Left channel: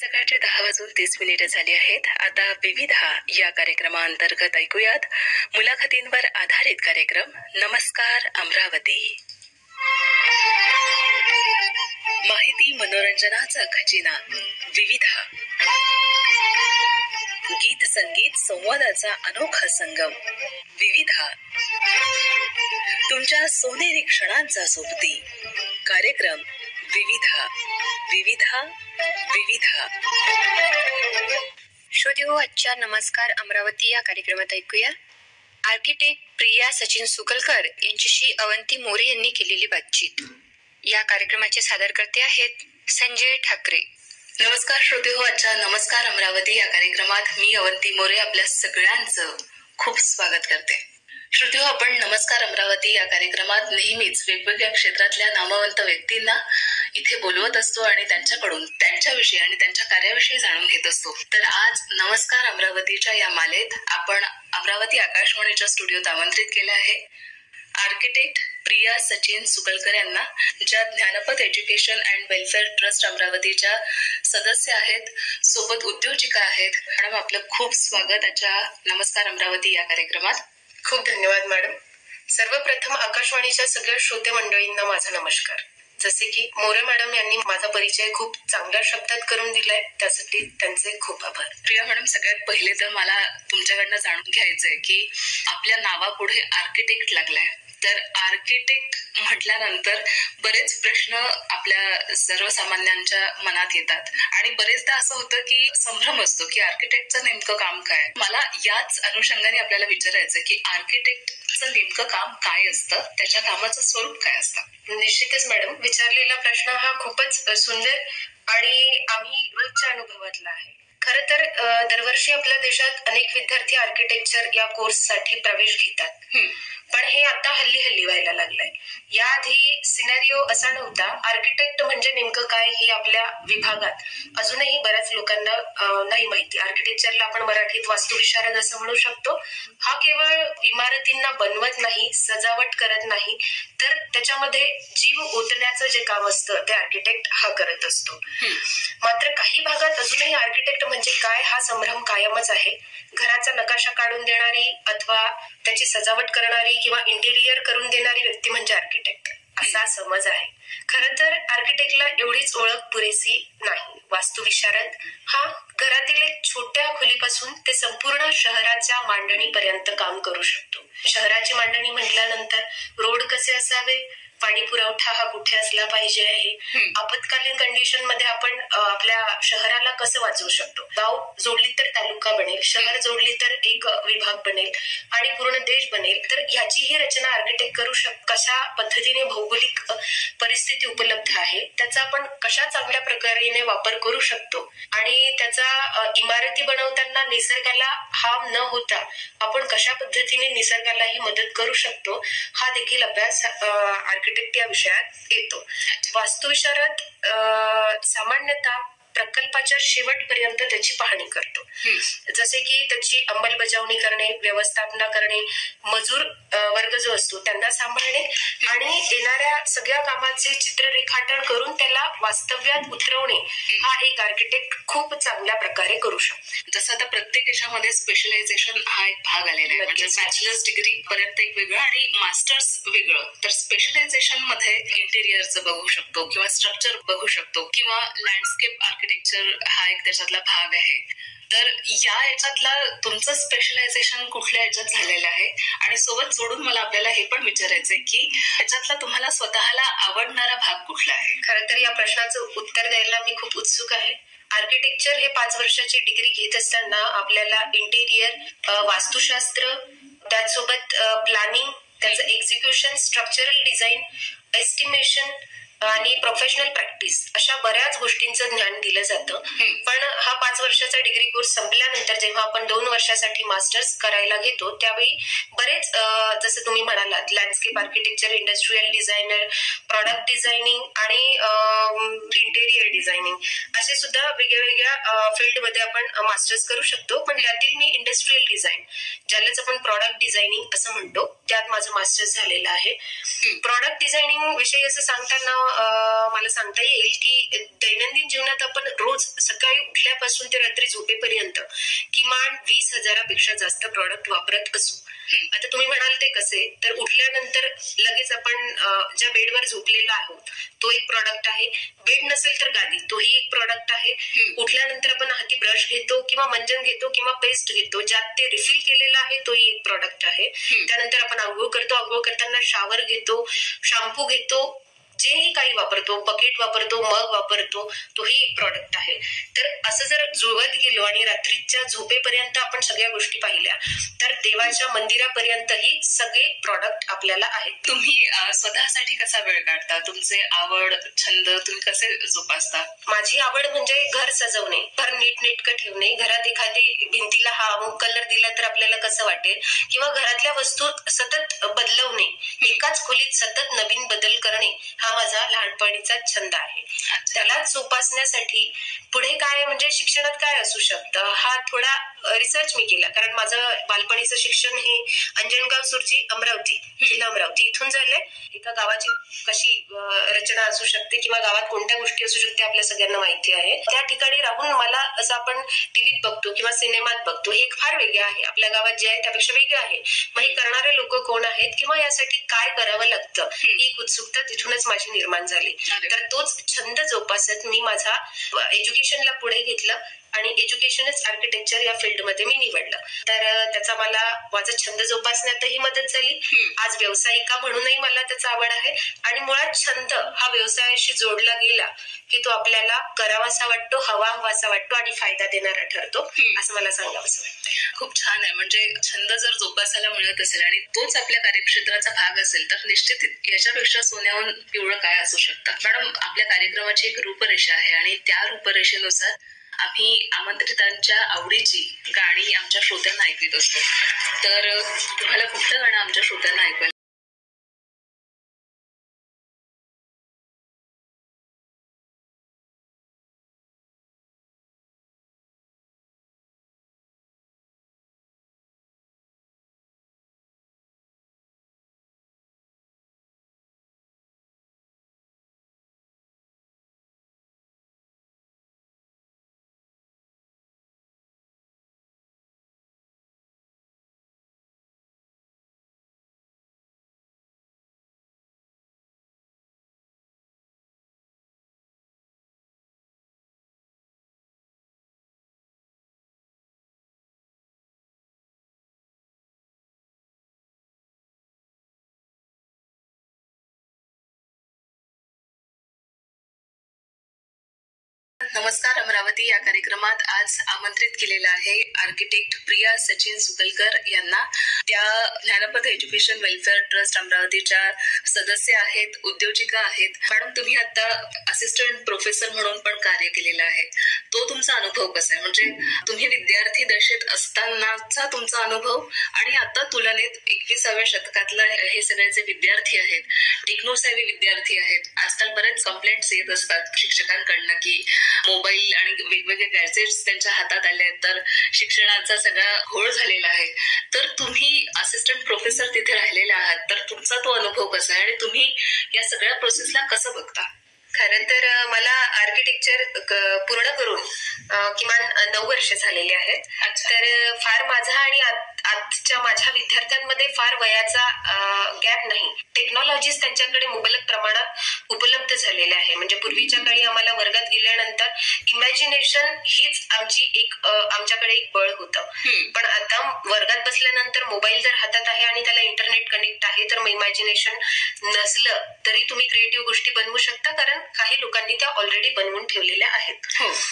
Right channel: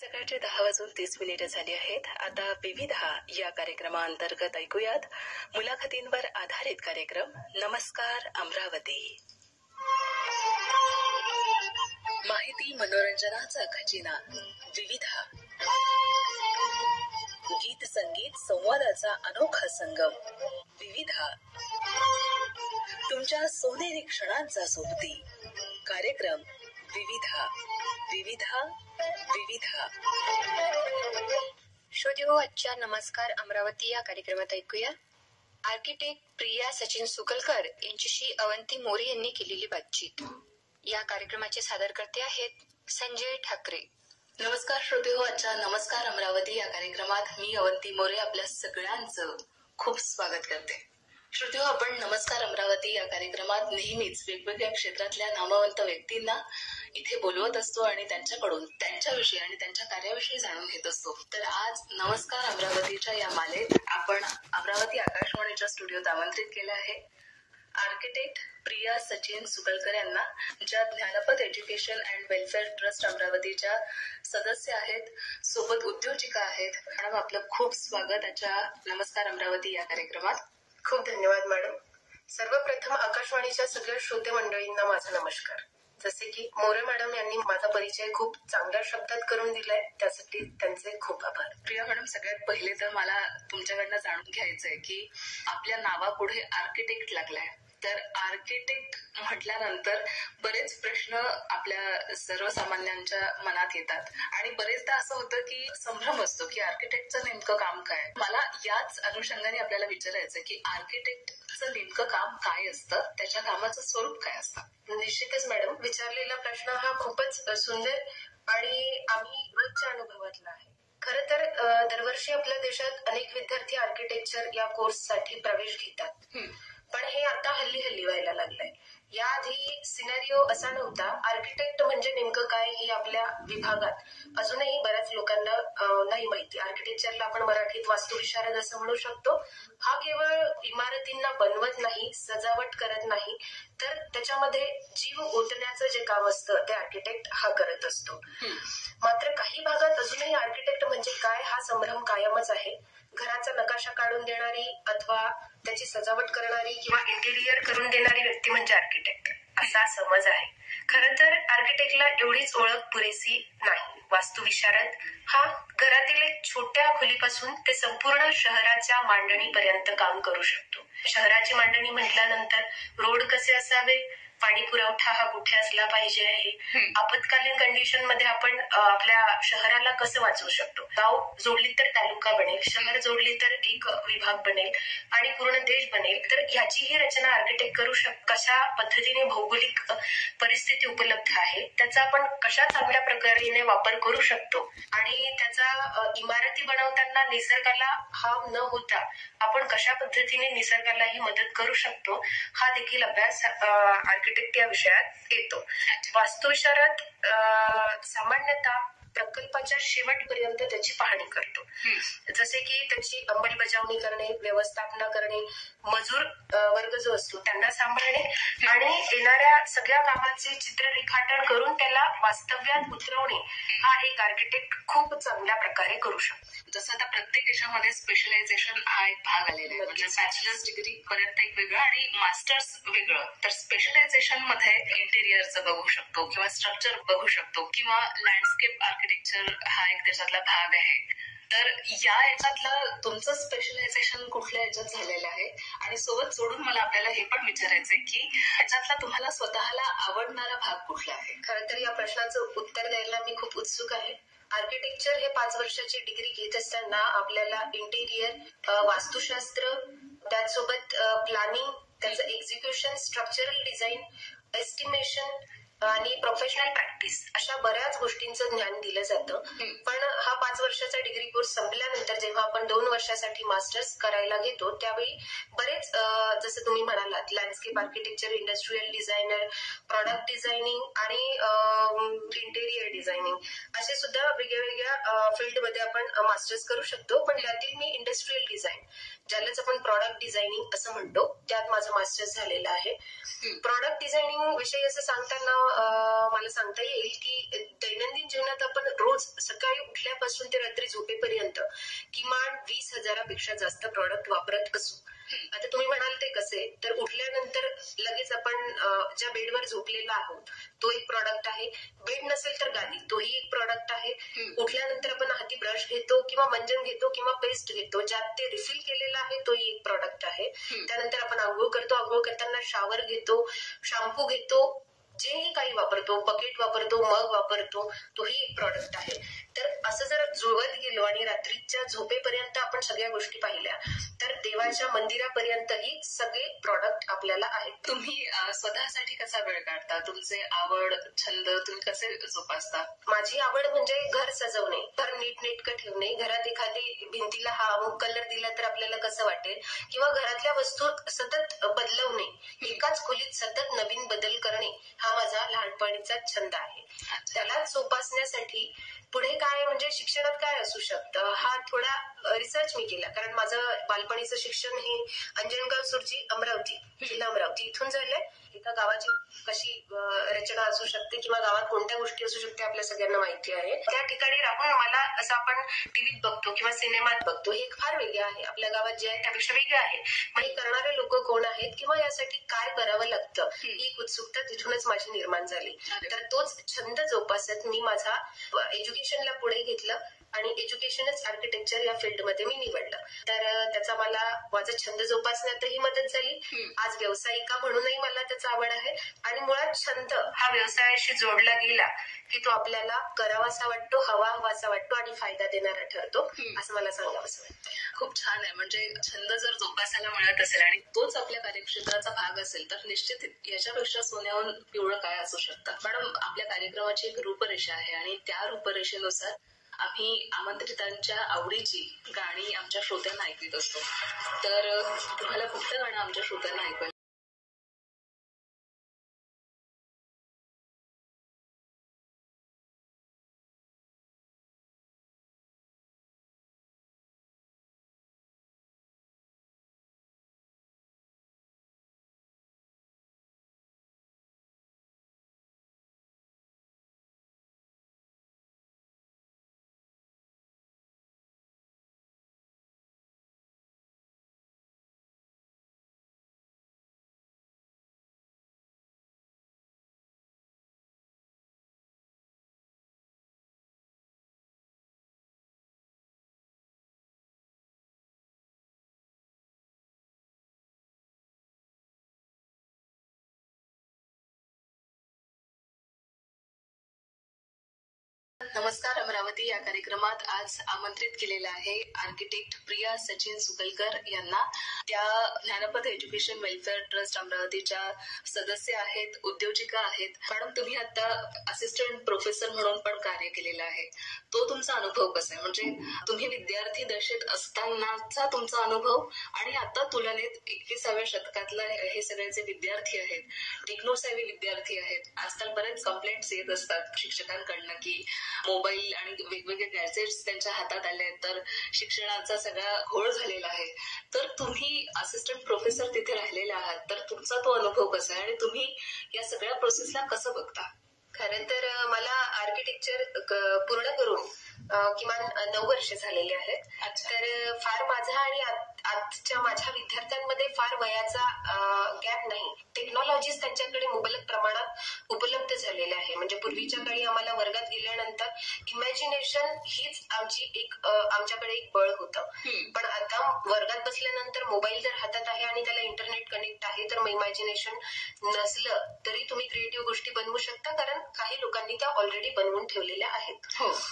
सकाळचे 10:30 झाली आहेत. आता विविधा या कार्यक्रमाअंतर्गत ऐकूयात मुलाखतींवर आधारित कार्यक्रम नमस्कार अमरावती. माहिती मनोरंजनाचा खजिना विविधा, गीत संगीत संवादाचा अनोखा संगम विविधा, तुमच्या सोनेरी क्षणांचा सोबती कार्यक्रम विविधा विविधा विविधा. श्रोतेहो, आजच्या नमस्कार अमरावती या कार्यक्रमात ऐकूया आर्किटेक्ट प्रिया सचिन सुकलकर यांच्याशी अवंती मोरे यांनी केलेली बातचीत. या कार्यक्रमाचे सादरकर्ते आहेत संजय ठाकरे. नमस्कार श्रोतेहो, आजच्या नमस्कार अमरावती या कार्यक्रमात मी अवंती मोरे आपल्या सगळ्यांचं खूप स्वागत करते. श्रोतेहो, आपण नमस्कार अमरावती या कार्यक्रमात नेहमीच वेगवेगळ्या क्षेत्रातल्या नामवंत व्यक्तींना इथे बोलवत असतो आणि त्यांच्याकडून त्यांच्याविषयी आणि त्यांच्या कार्याविषयी जाणून घेत असतो. तर आज नमस्कार अमरावतीच्या या मालेत आपण अमरावती आकाशवाणीच्या स्टुडिओत आमंत्रित केलं आहे आर्किटेक्ट प्रिया सचिन सुकलकर यांना, ज्या ज्ञानपथ एज्युकेशन अँड वेलफेअर ट्रस्ट अमरावतीच्या सदस्य आहेत, सोबत उद्योजिका आहेत. मॅडम, आपलं खूप स्वागत आजच्या नमस्कार अमरावती या कार्यक्रमात. खूप धन्यवाद मॅडम. सर्वप्रथम आकाशवाणीच्या सगळ्या श्रोते मंडळींना माझा नमस्कार. जसे की मोरे मॅडम यांनी माझा परिचय खूप चांगल्या शब्दात करून दिलाय, त्यासाठी त्यांचे खूप आभार. प्रिया मॅडम, सगळ्यात पहिले तर मला तुमच्याकडनं जाणून घ्यायचंय की आपल्या नावापुढे आर्किटेक्ट लागलाय, तर आर्किटेक्ट म्हटल्यानंतर बरेच प्रश्न आपल्या सर्वसामान्यांच्या मनात येतात आणि बरेचदा असं होतं की संभ्रम असतो की आर्किटेक्टचं नेमकं काम काय. मला याच अनुषंगाने आपल्याला विचारायचं की आर्किटेक्टचं नेमकं काम काय असतं, त्याच्या कामाचं स्वरूप काय असतं. निश्चितच मॅडम, विचारलेला प्रश्न हा खूपच सुंदर आणि आम्ही रोजच्या अनुभवातला आहे. खरं तर दरवर्षी आपल्या देशात अनेक विद्यार्थी आर्किटेक्चर या कोर्ससाठी प्रवेश घेतात, पण हे आता हल्ली व्हायला लागलंय. याआधी सिनेरिओ असा नव्हता. आर्किटेक्ट म्हणजे नेमकं काय हे आपल्या विभागात अजूनही बऱ्याच लोकांना नाही माहिती. आर्किटेक्चरला आपण मराठीत वास्तुविशारद असं म्हणू शकतो. हा केवळ इमारतींना बनवत नाही, सजावट करत नाही, तर त्याच्यामध्ये जीव ओतण्याचं जे काम असतं ते आर्किटेक्ट हा करत असतो. मात्र काही भागात अजूनही आर्किटेक्ट म्हणजे काय हा संभ्रम कायमच आहे. घराचा नकाशा काढून देणारी अथवा त्याची सजावट करणारी किंवा इंटिरियर करून देणारी व्यक्ती म्हणजे आर्किटेक्ट असा समज आहे. खरं तर आर्किटेक्टला एवढीच ओळख पुरेसी नाही. वास्तुविशारद हा घरातील एक छोट्या खोलीपासून ते संपूर्ण शहराच्या मांडणीपर्यंत काम करू शकतो. शहराची मांडणी म्हटल्यानंतर रोड कसे असावे, पाणी पुरवठा हा कुठे असला पाहिजे आहे, आपत्कालीन कंडिशन मध्ये आपण आपल्या शहराला कसं वाचवू शकतो, गाव जोडली तर तालुका बनेल, शहर जोडली तर एक विभाग बनेल आणि पूर्ण देश बनेल, तर याचीही रचना आर्किटेक्ट करू शकतो. कशा पद्धतीने भौगोलिक परिस्थिती उपलब्ध आहे त्याचा आपण कशा चांगल्या प्रकारे वापर करू शकतो आणि त्याचा इमारती बनवताना निसर्गाला हार्म न होता आपण कशा पद्धतीने निसर्गालाही मदत करू शकतो हा देखील अभ्यास आर्किटेक्ट या विषयात येतो. वास्तुविशारद सामान्यतः प्रकल्पाच्या शेवटपर्यंत त्याची पाहणी करतो. जसे की त्याची अंमलबजावणी करणे, व्यवस्थापना करणे, मजूर वर्ग जो असतो त्यांना सांभाळणे आणि येणाऱ्या सगळ्या कामाचे चित्र रेखाटन करून त्याला वास्तव्यात उतरवणे हा एक आर्किटेक्ट खूप चांगल्या प्रकारे करू शकतो. जसं आता प्रत्येक याच्यामध्ये स्पेशलायझेशन हा एक भाग आलेला आहे, म्हणजे बॅचलर्स डिग्री पर्यंत एक वेगळं आणि मास्टर्स वेगळं. तर स्पेशलायझेशन मध्ये इंटेरियरचं बघू शकतो किंवा स्ट्रक्चर बघू शकतो किंवा लँडस्केप आर्किटेक्चर हा एक त्याच्यातला भाग आहे. तर या याच्यातला तुमचं स्पेशलायझेशन कुठल्या याच्यात झालेलं आहे आणि सोबत जोडून मला आपल्याला हे पण विचारायचंय की याच्यातला तुम्हाला स्वतःला आवडणारा भाग कुठला आहे. खरं तर या प्रश्नाचं उत्तर द्यायला मी खूप उत्सुक आहे. आर्किटेक्चर हे 5 वर्षाची डिग्री घेत असताना आपल्याला इंटेरियर, वास्तुशास्त्र, त्याचसोबत प्लॅनिंग, त्याचं एक्झिक्युशन, स्ट्रक्चरल डिझाईन, एस्टिमेशन आणि प्रोफेशनल प्रॅक्टिस अशा बऱ्याच गोष्टींचं ज्ञान दिलं जातं. पण हा 5 वर्षाचा डिग्री कोर्स संपल्यानंतर जेव्हा आपण 2 वर्षासाठी मास्टर्स करायला घेतो त्यावेळी बरेच जसं तुम्ही म्हणालात landscape architecture, industrial designer, product designing आणि इंटेरियर डिझायनिंग असे सुद्धा वेगवेगळ्या फील्डमध्ये आपण मास्टर्स करू शकतो. पण त्यातील मी इंडस्ट्रियल डिझाईन, ज्यालाच आपण प्रॉडक्ट डिझायनिंग असं म्हणतो, त्यात माझं मास्टर्स झालेलं आहे. प्रॉडक्ट डिझायनिंग विषयी असं सांगताना मला सांगता येईल की दैनंदिन जीवनात आपण रोज सकाळी उठल्यापासून ते रात्री झोपेपर्यंत किमान 20,000पेक्षा जास्त प्रॉडक्ट वापरत असू. आता तुम्ही म्हणाल ते कसे, तर उठल्यानंतर लगेच आपण ज्या बेडवर झोपलेला आहोत तो एक प्रॉडक्ट आहे. बेड नसेल तर गादी, तोही एक प्रॉडक्ट आहे. उठल्यानंतर आपण हाती ब्रश घेतो किंवा मंजन घेतो किंवा पेस्ट घेतो, ज्यात ते रिफिल केलेलं आहे, तोही एक प्रॉडक्ट आहे. त्यानंतर आपण आंघोळ करतो, आंघोळ करताना शावर घेतो, शॅम्पू घेतो, जेही काही वापरतो, बकेट वापरतो, मग वापरतो, तोही एक प्रॉडक्ट आहे. तर असं जर जुळवत गेलो आणि रात्रीच्या झोपेपर्यंत आपण सगळ्या गोष्टी पाहिल्या तर देवाच्या मंदिरापर्यंतही सगळे प्रॉडक्ट आपल्याला आहेत. तुम्ही स्वतःसाठी कसा वेळ काढता? तुमचे आवड छंद तुम्ही कसे जोपासता? माझी आवड म्हणजे घर सजवणे, घर नीटनेटकं ठेवणे, घरात एखादी भिंतीला हा अमुक कलर दिला तर आपल्याला कसं वाटेल, किंवा घरातल्या वस्तू सतत बदलवणे, एकाच खोलीत सतत नवीन बदल करणे, हा माझा लहानपणीचा छंद आहे. त्याला जोपासण्यासाठी पुढे काय म्हणजे शिक्षणात काय असू शकतं, हा थोडा रिसर्च मी केला. कारण माझं बालपणीचं शिक्षण हे अंजनगाव सुरजी अमरावती, जिल्हा अमरावती इथून झालंय. एका गावाची कशी रचना असू शकते किंवा गावात कोणत्या गोष्टी असू शकते आपल्या सगळ्यांना माहिती आहे. त्या ठिकाणी राहून मला असं आपण टीव्हीत बघतो किंवा सिनेमात बघतो, हे फार वेगळे आहे, आपल्या गावात जे आहे त्यापेक्षा वेगळं आहे. मग हे करणारे लोक कोण आहेत किंवा यासाठी काय करावं लागतं, ही एक उत्सुकता तिथूनच माझी निर्माण झाली. तर तोच छंद जोपासत मी माझा एज्युकेशनला पुढे घेतलं आणि एज्युकेशनच आर्किटेक्चर या फील्डमध्ये मी निवडलं. तर त्याचा मला माझा छंद जोपासण्यातही मदत झाली. आज व्यावसायिका म्हणूनही मला त्याचा आवड आहे आणि मुळात छंद हा व्यवसायाशी जोडला गेला की तो आपल्याला करावासा वाटतो, हवासा वाटतो आणि फायदा देणारा ठरतो, असं मला सांगावंसं वाटतं. खूप छान आहे. म्हणजे छंद जर जोपासायला मिळत असेल आणि तोच आपल्या कार्यक्षेत्राचा भाग असेल तर निश्चित याच्यापेक्षा सोन्याहून पिवळं काय असू शकतं. मॅडम, आपल्या कार्यक्रमाची एक रूपरेषा आहे आणि त्या रूपरेषेनुसार आम्ही आमंत्रितांच्या आवडीची गाणी आमच्या श्रोत्यांना ऐकवीत असतो. तर तुम्हाला कुठलं गाणं आमच्या श्रोत्यांना ऐकवायला? नमस्कार अमरावती या कार्यक्रमात आज आमंत्रित केलेलं आहे आर्किटेक्ट प्रिया सचिन सुकलकर यांना. त्या ज्ञानपथ एज्युकेशन वेलफेअर ट्रस्ट अमरावतीच्या सदस्य आहेत, उद्योजिका आहेत. मॅडम, तुम्ही आता असिस्टंट प्रोफेसर म्हणून पण कार्य केलेलं आहे. तो तुमचा अनुभव कसा आहे? म्हणजे तुम्ही विद्यार्थी दशेत असतानाचा तुमचा अनुभव आणि आता तुलनेत 21व्या शतकातला हे सगळे जे विद्यार्थी आहेत, टेक्नोसॅव्ही विद्यार्थी आहेत, आजकाल बरेच कंप्लेंट्स येत असतात शिक्षकांकडनं की मोबाईल आणि वेगवेगळे गॅजेट्स त्यांच्या हातात आले आहेत, तर शिक्षणाचा सगळा घोळ झालेला आहे. तर तुम्ही असिस्टंट प्रोफेसर तिथे राहिलेला आहात, तर तुमचा तो अनुभव कसा आहे आणि तुम्ही या सगळ्या प्रोसेसला कसं बघता? खरं तर मला आर्किटेक्चर पूर्ण करून किमान 9 वर्ष झालेली आहेत. तर फार माझा आणि आजच्या माझ्या विद्यार्थ्यांमध्ये फार वयाचा गॅप नाही. टेक्नॉलॉजीज त्यांच्याकडे मुबलक प्रमाणात उपलब्ध झालेल्या आहे. म्हणजे पूर्वीच्या काळी आम्हाला वर्गात गेल्यानंतर इमॅजिनेशन हीच आमच्याकडे एक बळ होतं. पण आता वर्गात बसल्यानंतर मोबाईल जर हातात आहे आणि त्याला इंटरनेट कनेक्ट आहे, तर मग इमॅजिनेशन नसलं तरी तुम्ही क्रिएटिव्ह गोष्टी बनवू शकता, कारण काही लोकांनी त्या ऑलरेडी बनवून ठेवलेल्या आहेत.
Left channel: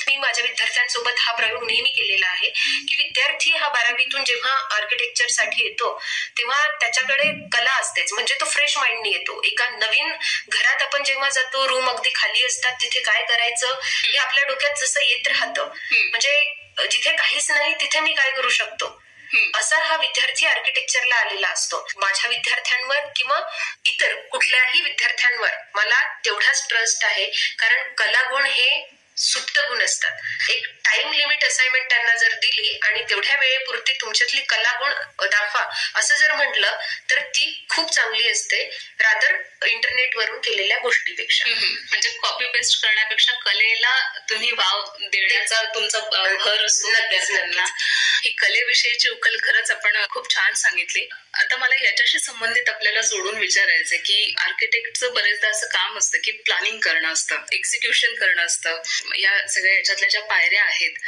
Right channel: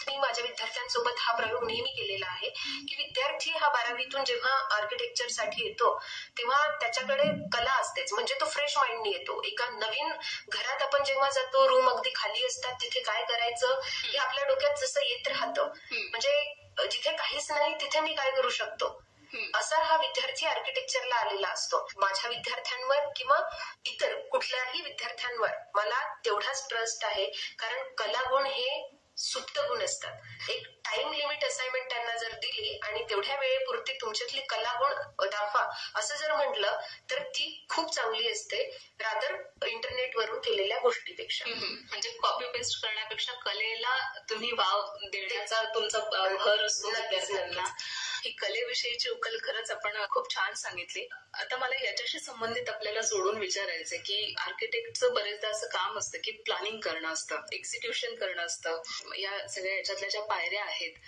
मी माझ्या विद्यार्थ्यांसोबत हा प्रयोग नेहमी केलेला आहे की विद्यार्थी हा 12वीतून जेव्हा आर्किटेक्चर साठी येतो तेव्हा त्याच्याकडे कला असतेच, म्हणजे तो फ्रेश माइंडनी येतो. एका नवीन घरात आपण जेव्हा जातो, रूम अगदी खाली असतात, तिथे काय करायचं हे आपल्या डोक्यात जसं येत राहतं. म्हणजे जिथे काहीच नाही तिथे मी काय करू शकतो, असा हा विद्यार्थी आर्किटेक्चरला आलेला असतो. माझ्या विद्यार्थ्यांवर किंवा इतर कुठल्याही विद्यार्थ्यांवर मला तेवढाच ट्रस्ट आहे, कारण कलागुण हे सुप्त गुण असतात. एक टाइम लिमिट असाइनमेंट त्यांना जर दिली आणि तेवढ्या वेळेपुरती तुमच्यातली कलागुण दाखवा असं जर म्हटलं तर ती खूप चांगली असते रादर इंटरनेटवरून केलेल्या गोष्टीपेक्षा. म्हणजे कॉपी पेस्ट करण्यापेक्षा कलेला तुम्ही वाव देण्याचा तुमचा भर असतो विद्यार्थ्यांना. ही कलेविषयीची उकल खरंच आपण खूप छान सांगितली. आता मला याच्याशी संबंधित आपल्याला जोडून विचारायचं की आर्किटेक्टचं बरेचदा असं काम असतं की प्लॅनिंग करणं असतं, एक्झिक्युशन करणं असतं, या सगळ्या याच्यातल्या ज्या पायऱ्या आहेत,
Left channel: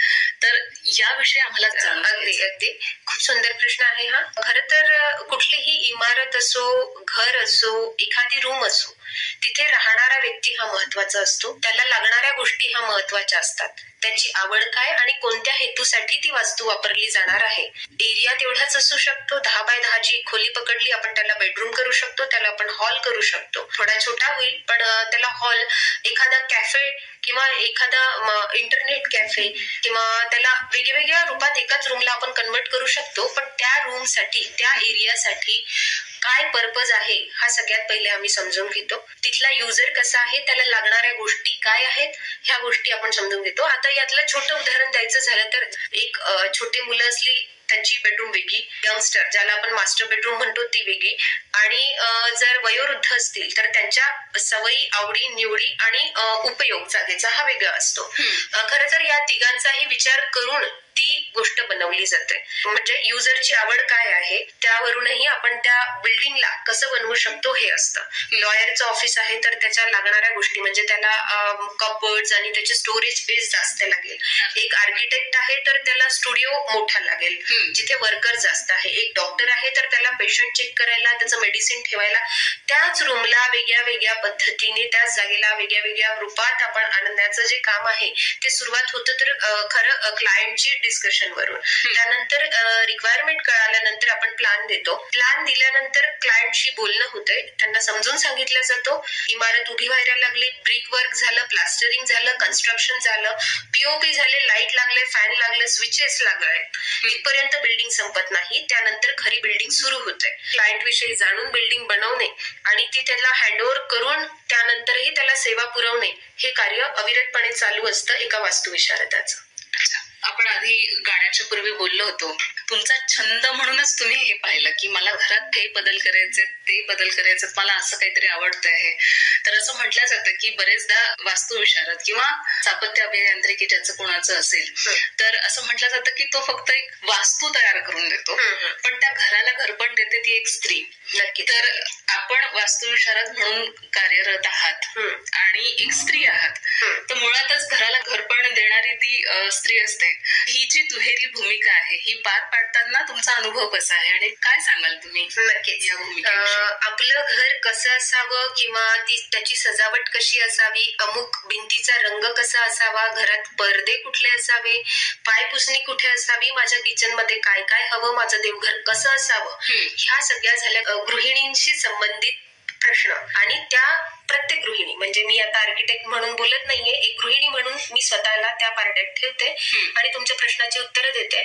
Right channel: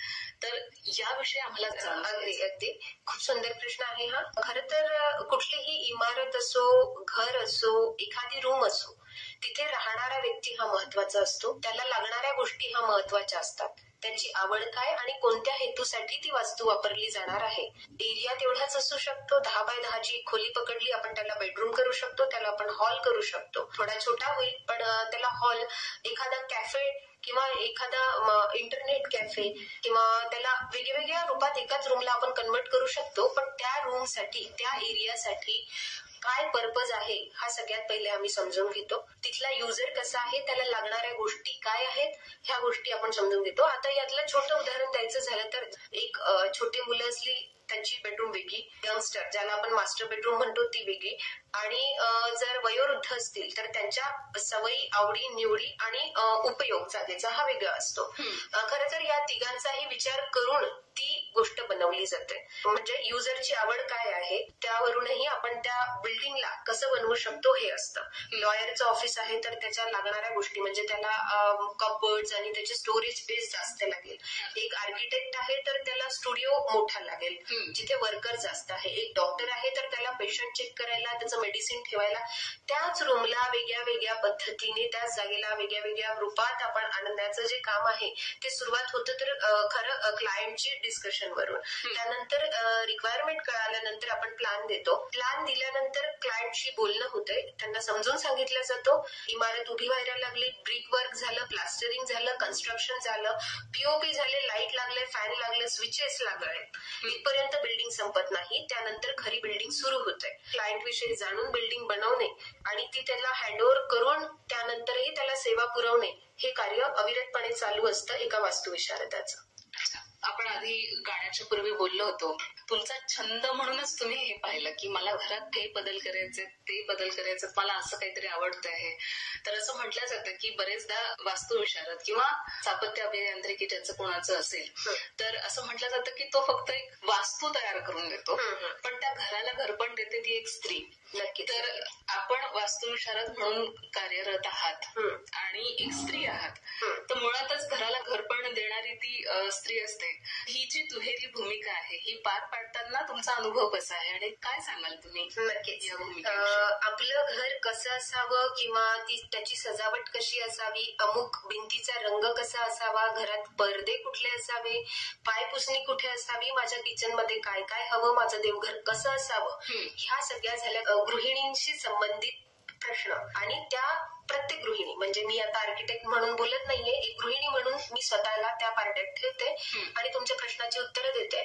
तर याविषयी आम्हाला अगदी अगदी खूप सुंदर प्रश्न आहे हा. खरं तर कुठलीही इमारत असो, घर असो, एखादी रूम असो, तिथे राहणारा व्यक्ती हा महत्वाचा असतो. त्याला लागणाऱ्या गोष्टी ह्या महत्वाच्या असतात. त्यांची आवड काय आणि कोणत्या हेतूसाठी ती वास्तू वापरली जाणार आहे. एरिया तेवढाच असू शकतो. 10 बाय 10 ची खोली पकडली आपण त्याला बेडरूम करू शकतो, त्याला आपण हॉल करू शकतो. थोडा छोटा होईल पण त्याला हॉल, एखादा कॅफे किंवा एखादा इंटरनेट कॅफे किंवा त्याला वेगवेगळ्या रूपात एकाच रूमला आपण कन्वर्ट करू शकतो. पण त्या रूमसाठी, त्या एरियासाठी काय पर्पज आहे हा सगळ्यात पहिले आम्ही समजून घेतो. तिथला युजर कसा आहे, त्याला लागणाऱ्या गोष्टी काय आहेत ह्या गोष्टी आपण समजून घेतो. आता यातलं छोटं उदाहरण द्यायचं झालं तर एक छोटी मुलं असली त्यांची बेडरूम वेगळी, यंगस्टर ज्याला आपण मास्टर बेडरूम म्हणतो ती वेगळी, आणि जर वयोवृद्ध असतील तर त्यांच्या सवयी, आवडी, निवडी आणि उपयोग जागेचा हा वेगळा असतो. खरं तर या तिघांचाही विचार करून ती गोष्ट बनवली जाते. म्हणजे युजरची आवड काय आहे त्यावरूनही आपण त्या बिल्डिंगला कसं बनवू शकतो हे असतं. लॉयरचं ऑफिस आहे तर त्याच्या लागणाऱ्या गोष्टी म्हणजे त्याला कपबोर्ड्स आणि त्याचे स्टोरेज स्पेस जास्त लागेल. एक आर्किटेक्ट आहे तर त्याला स्टुडिओ मोठा लागेल जिथे वर्कर जास्त आहे. एक डॉक्टर आहे तर त्याला पेशंट चेक करायला, त्याचं मेडिसिन ठेवायला त्याच रूमला वेगळ्या वेगळ्या पद्धतीने, त्याच जागेला वेगळ्या वेगळ्या रूपात आपण आणण्याचं जे काम आहे ते सुरुवात होतं तर खरं क्लायंटची डिस्कशन वरून. त्यानंतर रिक्वायरमेंट कळाल्यानंतर आपण प्लॅन देतो. प्लॅन दिल्यानंतर क्लायंटशी बोलणं होतंय, त्यांना समजून सांगितलं जातो. इमारत उभी व्हायला लागली, ब्रिक वर्क झालं, प्लास्टरिंग झालं, कन्स्ट्रक्शन झालं, पीओपी झाले, लाईट लागले, फॅन लागले, स्विचेस लागले, इथपर्यंत बिल्डिंग संपत नाही. त्यानंतर खरी बिल्डिंग सुरू होते. क्लायंट विषयी जाणून बिल्डिंग बनवणे आणि ती त्याला हँडओव्हर करून त्यानंतरही त्याला सेवा पुरवणे हे कार्य अविरतपणे चालू असतं एका वास्तुविशारदाचं. आपण आधी गाण्याच्या पूर्वी बोललो होतो, तुमचा छंद म्हणूनच तुम्ही हे पाहिलं की मला घरात हे बदल करायचे, ते बदल करायचे, मला असं काहीतरी आवडतं आहे. तर असं म्हटलं जातं की बरेचदा वास्तुविशारद किंवा स्थापत्य अभियांत्रिकी ज्याचं कोणाचं असेल तर असं म्हटलं जातं की तो फक्त एक वास्तू तयार करून देतो, पण त्या घराला घरपण देते ती एक स्त्री. नक्की. तर आपण वास्तुविशारद म्हणून कार्यरत आहात आणि एक स्त्री आहात, तर मुळातच घराला घरपण देणारी ती स्त्री असते. ही जी दुहेरी भूमिका आहे ही पार पाडताना तुमचा अनुभव कसा आहे आणि काय सांगाल तुम्ही? नक्कीच. या भूमिकेविषयी आपलं घर कसं असावं किंवा त्याची सजावट कशी असावी, अमुक भिंतीचा रंग कसा असावा, घरात पडदे कुठले असावे, पायपुसणी कुठे असावी, माझ्या किचन मध्ये काय काय हवं, माझं देवघर कसं असावं, ह्या सगळ्या झाल्या गृहिणींशी संबंधित प्रश्न. आणि त्या प्रत्येक गृहिणी, म्हणजे मी आता आर्किटेक्ट म्हणून बोलत नाहीये, एक गृहिणी म्हणून मी स्वतःला त्या पारड्यात ठेवते आणि तुमच्या प्रश्नाची उत्तरं देते.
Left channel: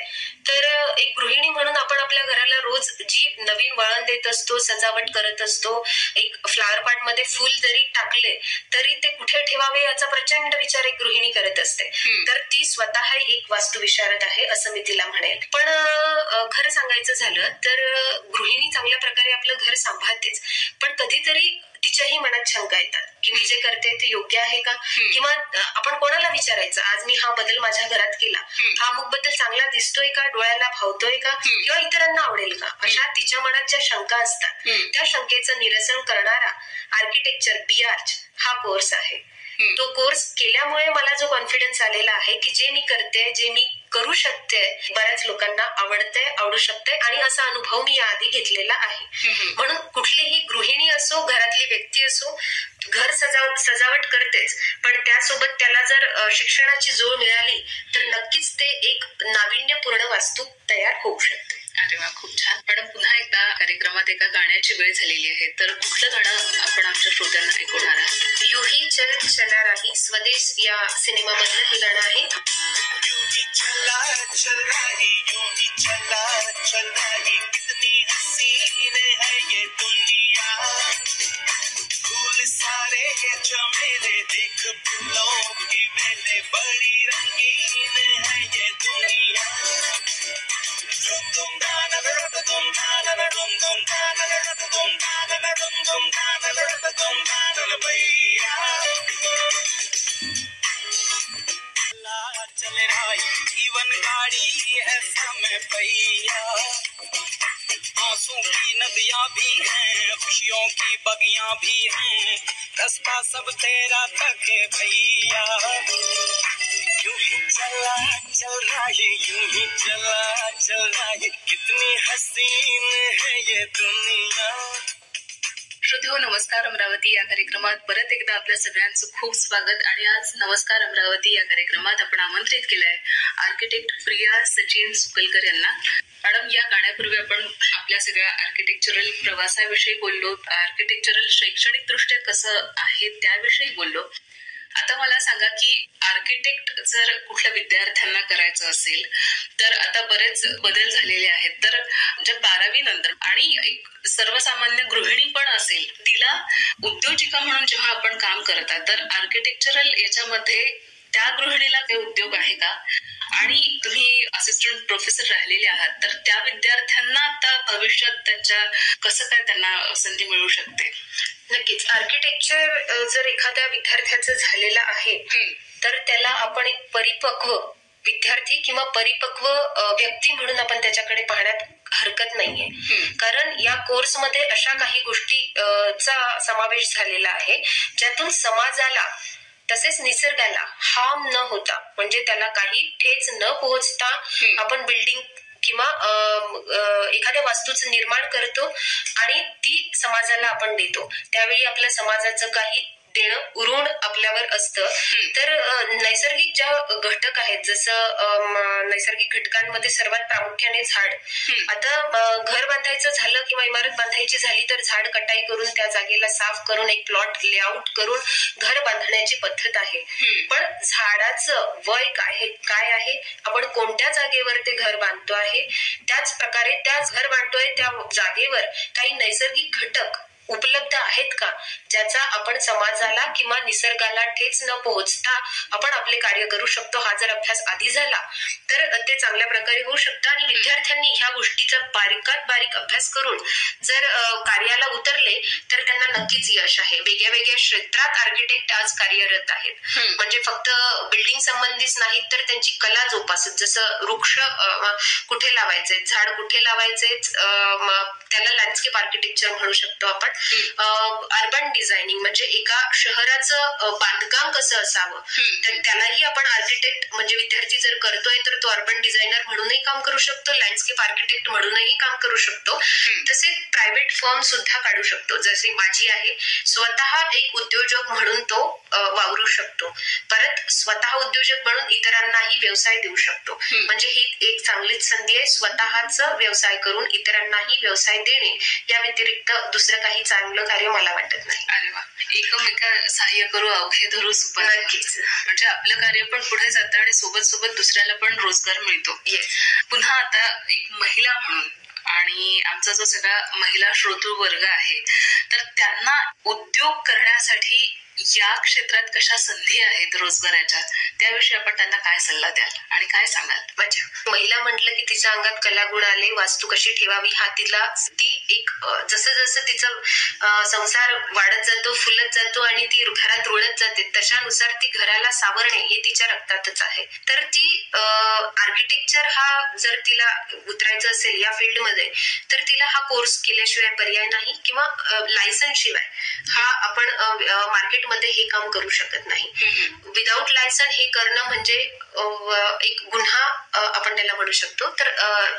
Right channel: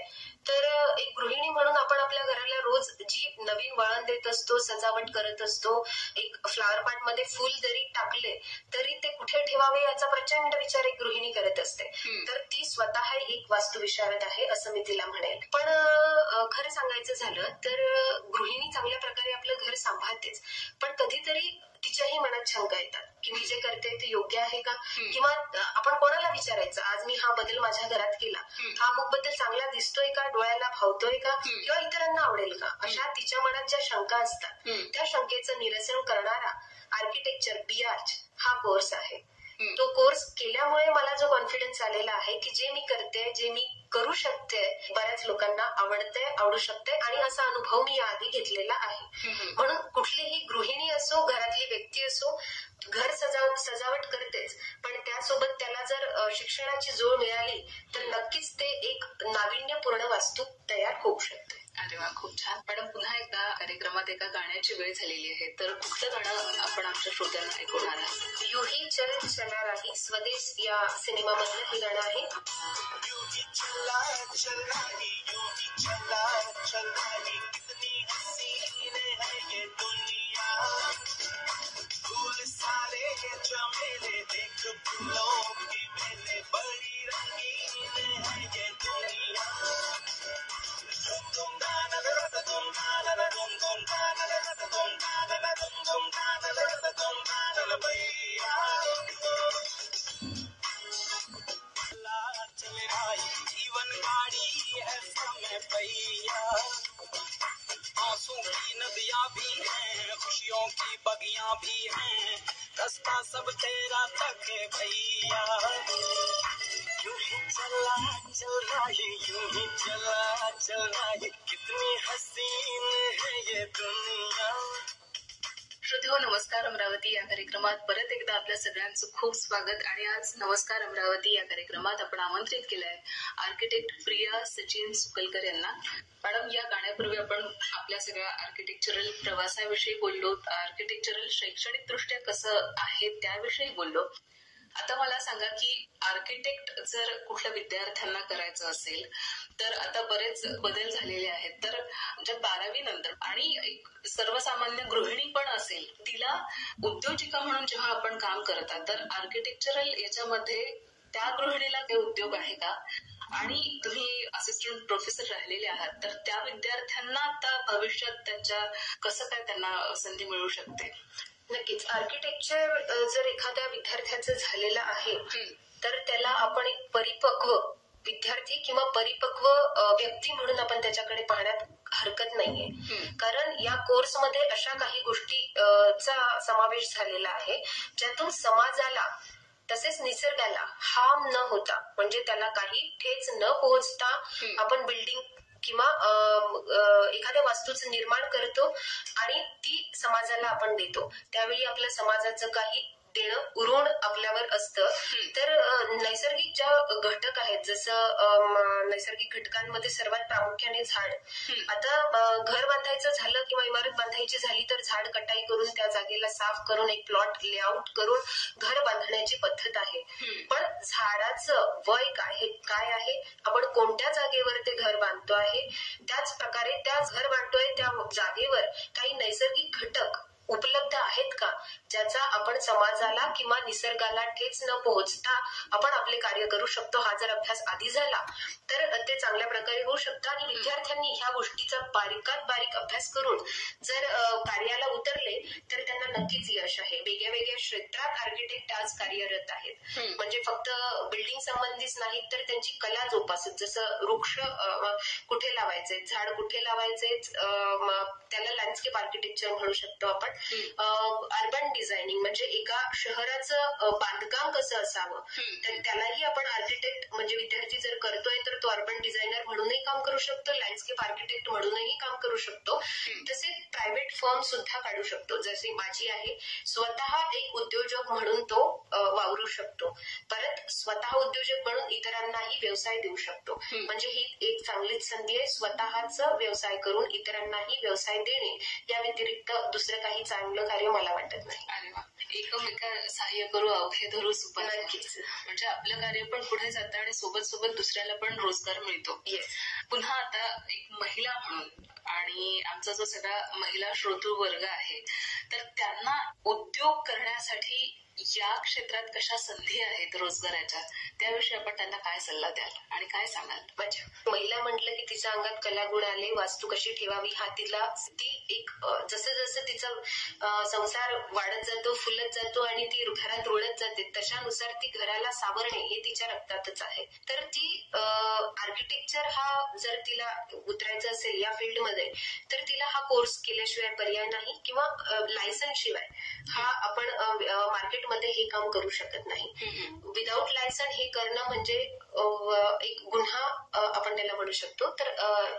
तर एक गृहिणी म्हणून आपण आपल्या घराला रोज जी नवीन वळण देत असतो, सजावट करत असतो, एक फ्लावर पॉट मध्ये फुल जरी टाकले तरी ते कुठे ठेवावे याचा प्रचंड विचार एक गृहिणी करत असते. तर ती स्वतः एक वास्तुविशारद आहे असं मी तिला म्हणेल. पण खरं सांगायचं झालं तर गृहिणी चांगल्या प्रकारे आपलं घर सांभाळतेच, पण कधीतरी तिच्याही मनात शंका येतात की मी जे करते ते योग्य आहे का, किंवा आपण कोणाला विचारायचं, आज मी हा बदल माझ्या घरात केला, हा अमुक बदल चांगला दिसतोय का, डोळ्याला भावतोय का, किंवा इतरांना आवडेल का, अशा तिच्या मनात ज्या शंका असतात त्या शंकेचं निरसन करणारा आर्किटेक्चर BARCH हा कोर्स आहे. तो कोर्स केल्यामुळे मला जो कॉन्फिडन्स आलेला आहे की जे मी करते, जे मी करू शकते, बऱ्याच लोकांना आवडते, आवडू शकते आणि असा अनुभव मी याआधी घेतलेला आहे. म्हणून कुठलीही गृहिणी असो, घरातली व्यक्ती असो, घर सजावट करतेच, पण त्यासोबत त्याला जर शिक्षणाची जोड मिळाली तर नक्कीच ते एक नाविन्यपूर्ण वास्तू तयार होऊ शकते. अरे वा, खूप छान. मॅडम, पुन्हा एकदा कार्यक्रमात एका गाण्याची वेळ झालेली आहे, तर कुठलं गाणं आपण आमच्या श्रोत्यांना ऐकवणार आहात? यू ही चल चला राही, स्वदेश या सिनेमामधलं हे गाणं आहे. चला चल रही, यूं ही चला चल रही, कितनी हसीन है ये दुनिया, फूल सारे चमेले देख फूलों की मेले, बड़ी रंगीन है ये दुनिया. जीवन गाड़ी है समय पहिया, आंसू की नदियां भी हैं, खुशियों की बगियां भी हैं, रास्ता सब तेरा तक है भैया। यूं ही चला चल रहा है, यूं ही चला चल रहा है, कितनी हसीन है ये दुनिया। श्रोतेहो नमस्कार अमरावती या कार्यक्रमात परत एकदा आपल्या सगळ्यांचं खूप स्वागत. आणि आज नमस्कार अमरावती या कार्यक्रमात आपण आमंत्रित केलंय आर्किटेक्ट प्रिया सचिन सुकलकर यांना. मॅडम, या गाण्यापूर्वी आपण आपल्या सगळ्या आर्किटेक्चरल प्रवासाविषयी बोललो, आर्किटेक्चरल शैक्षणिक दृष्ट्या कसं आहे त्याविषयी बोललो. आता मला सांगा की आर्किटेक्ट जर कुठल्या विद्यार्थ्यांना करायचं असेल तर आता बरेच बदल झालेले आहेत. तर जर 12वी नंतर आणि एक सर्वसामान्य गृहिणी पण असेल, तिला उद्योजिका म्हणून जेव्हा आपण काम करता तर आर्किटेक्चरल याच्यामध्ये त्या गृहिणीला काही उद्योग आहे का? आणि तुम्ही असिस्टंट प्रोफेसर राहिलेले आहात तर त्या विद्यार्थ्यांना आता भविष्यात त्यांच्या कसं काय त्यांना संधी मिळू शकते? नक्कीच. आर्किटेक्चर जर एखाद्या विद्यार्थ्याचं झालेलं आहे तर त्याला आपण एक परिपक्व विद्यार्थी किंवा परिपक्व व्यक्ती म्हणून आपण त्याच्याकडे पाहण्यात हरकत नाहीये. कारण या कोर्समध्ये अशा काही गोष्टीचा समावेश झालेला आहे ज्यातून समाजाला तसेच निसर्गाला हार्म न होता, म्हणजे त्याला काही ठेच न पोहोचता आपण बिल्डिंग किंवा एखाद्या वास्तूचं निर्माण करतो आणि ती समाजाला आपण देतो. त्यावेळी आपल्या समाजाचं काही देणं उरून आपल्यावर असतं. तर नैसर्गिक ज्या घटक आहेत, जसं नैसर्गिक घटकांमध्ये सर्वात प्रामुख्याने झाड. आता घर बांधायचं झालं किंवा इमारत बांधायची झाली तर झाड कटाई करून त्या जागेला साफ करून एक प्लॉट लेआउट करून घर बांधण्याची पद्धत आहे. पण झाडाचं वय काय आहे, आपण कोणत्या जागेवर ते घर बांधतो आहे, त्याच प्रकारे त्या घर बांधतोय त्या जागेवर काही नैसर्गिक घटक उपलब्ध आहेत का, ज्याचा आपण समाजाला किंवा निसर्गाला ठेच न पोहोचता आपण आपले कार्य करू शकतो. हा जर अभ्यास आधी झाला तर ते चांगल्या प्रकारे होऊ शकतं. आणि विद्यार्थ्यांनी ह्या गोष्टीचा बारीकात बारीक अभ्यास करून जर कार्याला उतरले तर त्यांना नक्कीच यश आहे. वेगळ्या वेगळ्या क्षेत्रात आर्किटेक्ट आज कार्यरत आहेत. म्हणजे फक्त बिल्डिंग संबंधीच नाही तर त्यांची कला जोपासत, जसं वृक्ष कुठे लावायचे, झाड कुठे लावायचे, त्याला लँडस्केप आर्किटेक्चर म्हणू शकतो आपण. अर्बन डिझायनिंग म्हणजे एका शहराचं बांधकाम कसं असावं, तर त्यालाही आपण आर्किटेक्ट म्हणजे विद्यार्थी जर करतोय तर तो अर्बन डिझायनर म्हणूनही काम करू शकतो, लँडस्केप आर्किटेक्ट म्हणूनही काम करू शकतो. तसे प्रायव्हेट फर्म सुद्धा काढू शकतो, जसे माझी आहे. स्वतः एक उद्योजक म्हणून तो वावरू शकतो, परत स्वतः उद्योजक म्हणून इतरांनाही व्यवसाय देऊ शकतो. म्हणजे ही एक चांगलीच संधी आहे, स्वतःच व्यवसाय करून इतरांनाही व्यवसाय देणे. या व्यतिरिक्त दुसरं काही चांगलं कार्य मला वाटत नाही. अरे वा, एकमेका सहाय्य करू अवघे धरू सुपर. नक्कीच. म्हणजे आपलं कार्य पण पुढे जातं आणि सोबत सोबत दुसऱ्याला पण रोजगार मिळतो. पुन्हा आता एक महिला म्हणून आणि आमचा जो सगळा महिला श्रोतृ वर्ग आहे तर त्यांना उद्योग करण्यासाठी या क्षेत्रात कशा संधी आहेत रोजगाराच्या, त्याविषयी आपण त्यांना काय सल्ला द्याल आणि काय सांगाल? अच्छा, महिला म्हटलं की तिच्या अंगात कलागुण आले, वास्तू कशी ठेवावी हा ती एक जसं जसं तिचा संसार वाढत जातो, फुलत जातो आणि ती घरात रुळत जाते, तशानुसार ती घराला सावरणे हे तिच्या रक्तातच आहे. तर ती आर्किटेक्चर हा जर तिला उतरायचं असेल या फील्डमध्ये तर तिला हा कोर्स केल्याशिवाय पर्याय नाही, किंवा लायसन्स शिवाय हा आपण मार्केटमध्ये हे काम करू शकत नाही. विदाऊट लायसन हे करणं म्हणजे एक गुन्हा आपण त्याला म्हणू शकतो. तर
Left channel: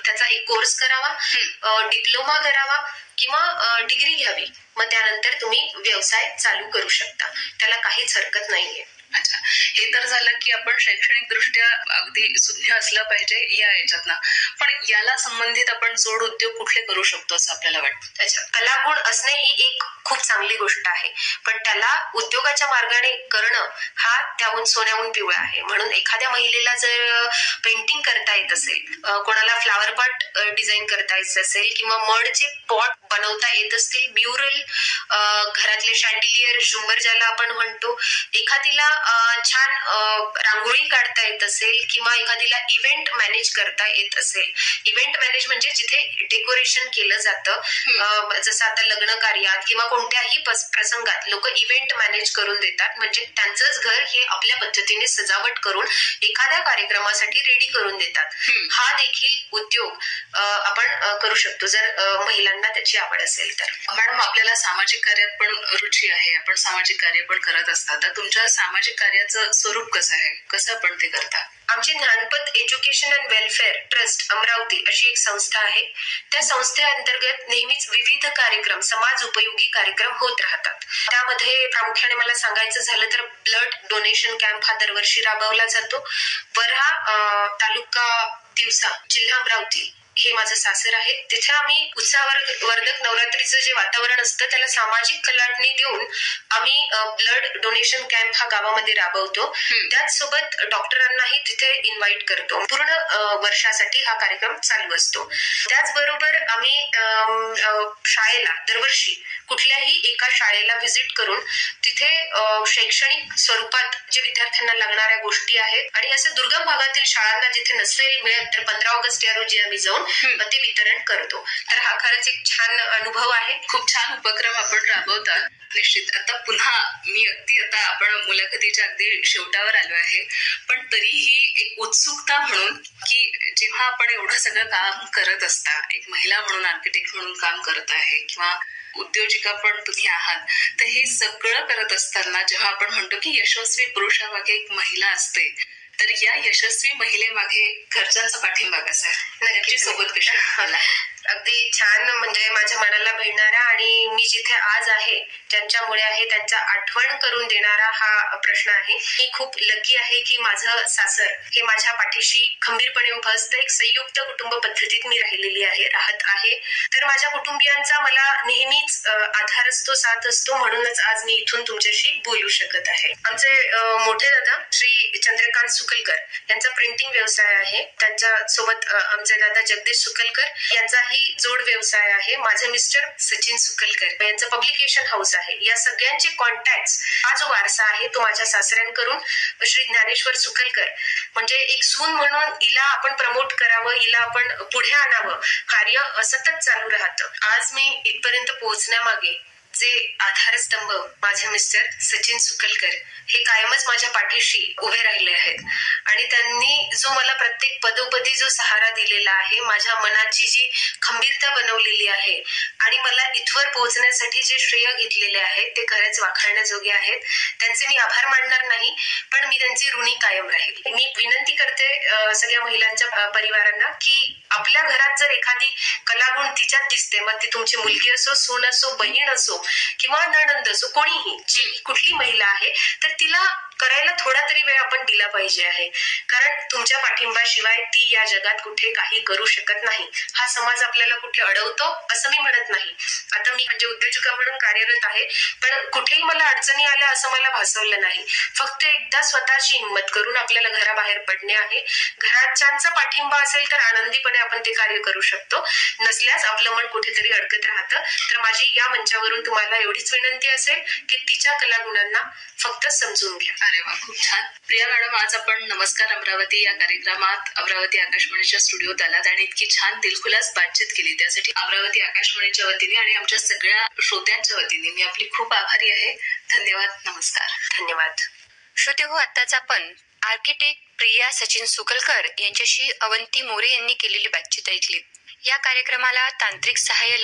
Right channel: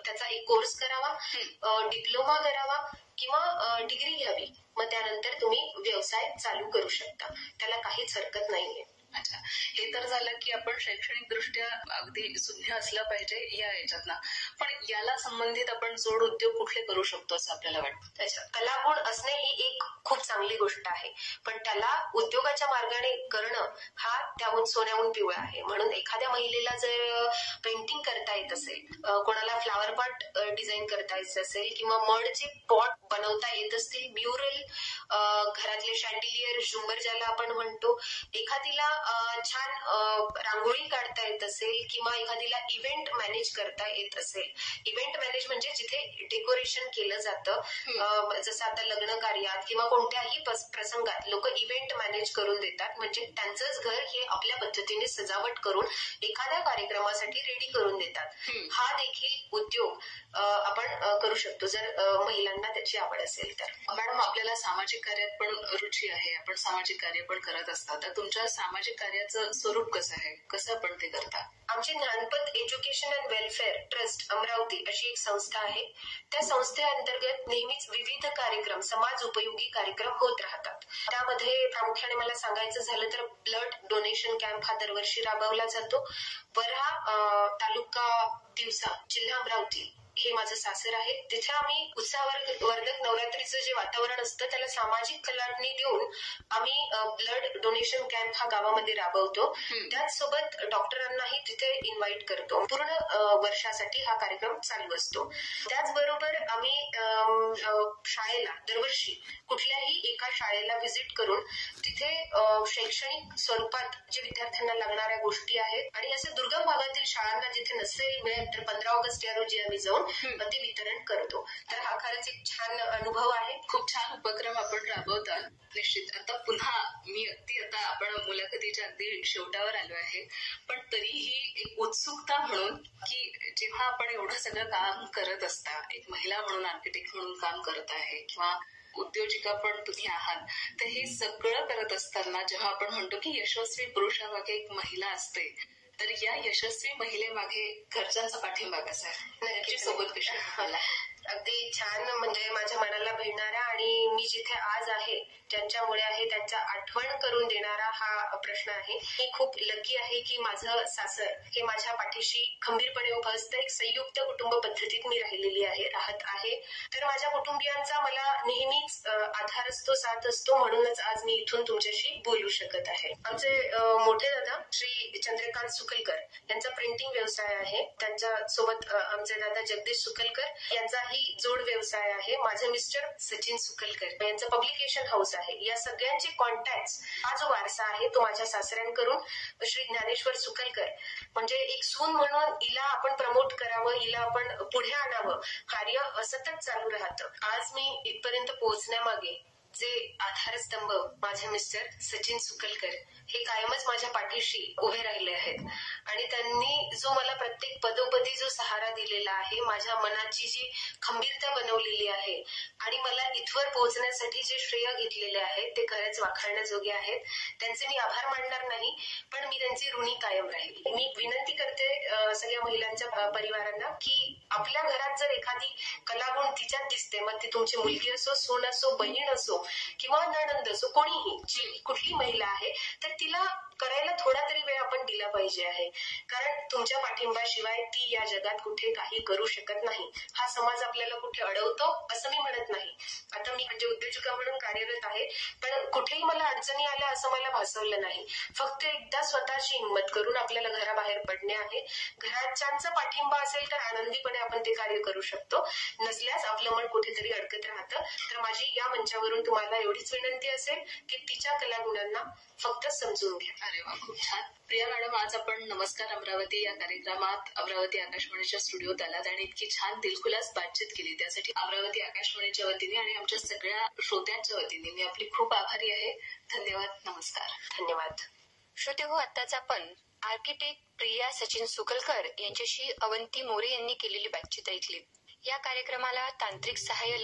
त्याचा एक कोर्स करावा, डिप्लोमा करावा किंवा डिग्री घ्यावी, मग त्यानंतर तुम्ही व्यवसाय चालू करू शकता, त्याला काहीच हरकत नाहीये. अच्छा, हे तर झालं की आपण शैक्षणिक दृष्ट्या अगदी सुज्ञ असलं पाहिजे या याच्यातनं, पण याला संबंधित आपण जोड उद्योग कुठले करू शकतो असं आपल्याला वाटतं? अच्छा, कलागुण असणे ही एक खूप चांगली गोष्ट आहे, पण त्याला उद्योगाच्या मार्गाने करणं हा त्याहून सोन्याहून पिवळा आहे. म्हणून एखाद्या महिलेला जर पेंटिंग करता येत असेल, कोणाला फ्लावर पॉट डिझाईन करता येत असेल किंवा मडचे पॉट बनवता येत असतील, म्युरल, घरातले शँडिलियर, झुंबर ज्याला आपण म्हणतो, एखादीला छान रांगोळी काढता येत असेल किंवा एखादीला इव्हेंट मॅनेज करता येत असेल. इव्हेंट मॅनेज म्हणजे जिथे डेकोरेशन केलं जातं, जसं आता लग्न कार्यात किंवा कोणत्याही प्रसंगात लोक इव्हेंट मॅनेज करून देतात. म्हणजे त्यांचंच घर हे आपल्या पद्धतीने सजावट करून एखाद्या कार्यक्रमासाठी रेडी करून देतात. हा देखील उद्योग आपण करू शकतो जर महिलांना त्याची आवड असेल तर. मॅडम, आपल्याला सामाजिक कार्यात पण रुची आहे, आपण सामाजिक कार्य पण करत असतात. तर तुमच्या सामाजिक कार्याचं स्वरूप कसं आहे, कसं आपण ते करता? आमची Gyanpath education and welfare trust Amravati अशी एक संस्था आहे. त्या संस्थेअंतर्गत नेहमीच विविध कार्यक्रम, समाज उपयोगी कार्यक्रम होत राहतात. त्यामध्ये प्रामुख्याने मला सांगायचं झालं तर ब्लड डोनेशन कॅम्प हा दरवर्षी राबवला जातो. वऱ्हा तालुका दिवसा, जिल्हा अमरावती हे माझं सासर आहे. तिथे आम्ही उत्साहवर्धक नवरात्रीचं जे वातावरण असतं त्याला सामाजिक कलाटणी देऊन आम्ही ब्लड डोनेशन कॅम्प हा गावामध्ये राबवतो. त्याचसोबत डॉक्टरांनाही तिथे इन्व्हाइट करतो. पूर्ण वर्षासाठी हा कार्यक्रम चालू असतो. त्याचबरोबर आम्ही शाळेला दरवर्षी कुठल्याही एका शाळेला व्हिजिट करून तिथे शैक्षणिक स्वरूपात जे विद्यार्थ्यांना लागणाऱ्या गोष्टी आहेत आणि असे दुर्गम भागातील शाळांना जिथे नसेल मिळेल तर 15 ऑगस्ट या रोजी आम्ही जाऊन ते वितरण करतो. तर हा खरंच एक छान अनुभव आहे. खूप छान उपक्रम आपण राबवता. निश्चित. आता पुन्हा मी आता आपण मुलाखतीच्या अगदी शेवटावर आलो आहे, पण तरीही एक उत्सुकता म्हणून की जेव्हा आपण एवढं सगळं काम करत असता, एक महिला म्हणून, आर्किटेक्ट म्हणून काम करत आहे किंवा उद्योजिका पण तुम्ही आहात, तर हे सगळं करत असताना जेव्हा आपण म्हणतो की यशस्वी पुरुषामागे एक महिला असते, तर या यशस्वी महिलेमागे घरच्यांचा पाठिंबा कसा आहे, नक्की सोबत कशी? अगदी छान, म्हणजे माझ्या मनाला भिडणारा आणि मी जिथे आज आहे ज्यांच्यामुळे आहे त्यांचा आठवण करून देणारा हा प्रश्न आहे. मी खूप लकी आहे की माझं सासर हे माझ्या पाठीशी खंबीरपणे उभं असतं. एक संयुक्त कुटुंब पद्धतीत मी राहत आहे. तर माझ्या कुटुंबियांचा मला नेहमीच आधार असतो, साथ असतो. म्हणूनच आज मी इथून तुमच्याशी बोलू शकत आहे. आमचे मोठे दादा श्री चंद्रकांत सुकलकर यांचा प्रिंटिंग व्यवसाय आहे. त्यांच्या सोबत आमचे दादा जगदीश सुकलकर यांचाही जोड व्यवसाय आहे. माझे मिस्टर सचिन सुकलकर यांचं पब्लिकेशन हाऊस आहे. या सगळ्यांचे कॉन्टॅक्ट, हा जो वारसा आहे तो माझ्या सासऱ्यांकडून श्री ज्ञानेश्वर सुकलकर, म्हणजे एक सून म्हणून हिला आपण प्रमोट करावं, हिला आपण पुढे आणावं, कार्य सतत चालू राहतं. आज मी इथपर्यंत पोहोचण्यामागे जे आधारस्तंभ माझे मिस्टर सचिन सुकलकर हे कायमच माझ्या पाठीशी उभे राहिले आहेत आणि त्यांनी जो मला प्रत्येक पदोपदी जो सहारा दिलेला आहे, माझ्या मनाची जी खंबीरता बनवलेली आहे आणि मला इथवर पोहोचण्यासाठी जे श्रेय घेतलेले आहेत ते खरंच वाखाणण्याजोगे आहेत. त्यांचे मी आभार मानणार नाही, पण मी त्यांची ऋणी कायम राहील. मी विनंती करते सगळ्या महिलांच्या परिवारांना की आपल्या घरात जर एखादी कलागुण तिच्यात दिसते, मग ती तुमची मुलगी असो, सून असो, बहीण असो किंवा नणंद असो, कोणीही, जी कुठली महिला आहे, तर तिला करायला थोडा तरी वेळ आपण दिला पाहिजे आहे. कारण तुमच्या पाठिंबाशिवाय ती या जगात कुठे काही करू शकत नाही. हा समाज आपल्याला कुठे अडवतो असं मी म्हणत नाही. आता मी म्हणजे उद्योजिका म्हणून कार्यरत आहे, पण कुठेही मला अडचणी आल्या असं मला भासवलं नाही. फक्त एकदा स्वतःची हिंमत करून आपल्याला घराबाहेर पडणे आहे. घराच्यांचा पाठिंबा असेल तर आनंदीपणे आपण ते कार्य करू शकतो. नसल्यास आपलं मन कुठेतरी अडकत राहतं. तर माझी या मंचावरून तुम्हाला एवढीच विनंती असेल की तिच्या कलागुणांना फक्त समजून घ्या. अरे वा, खूप छान. प्रिया मॅडम, आज आपण नमस्कार अमरावती या कार्यक्रमात अमरावती आकाशवाणीच्या स्टुडिओत आलात आणि इतकी छान दिलखुलास बातचीत केली. त्यासाठी अमरावती आकाशवाणीच्या वतीने आणि आमच्या सगळ्या श्रोत्यांच्या वतीने मी आपली खूप आभारी आहे. धन्यवाद. नमस्कार. धन्यवाद. श्रोते हो, आत्ताच आपण आर्किटेक्ट प्रिया सचिन सुकलकर यांच्याशी अवंती मोरे यांनी केलेली बातचीत ऐकली. या कार्यक्रमाला तांत्रिक सहाय्य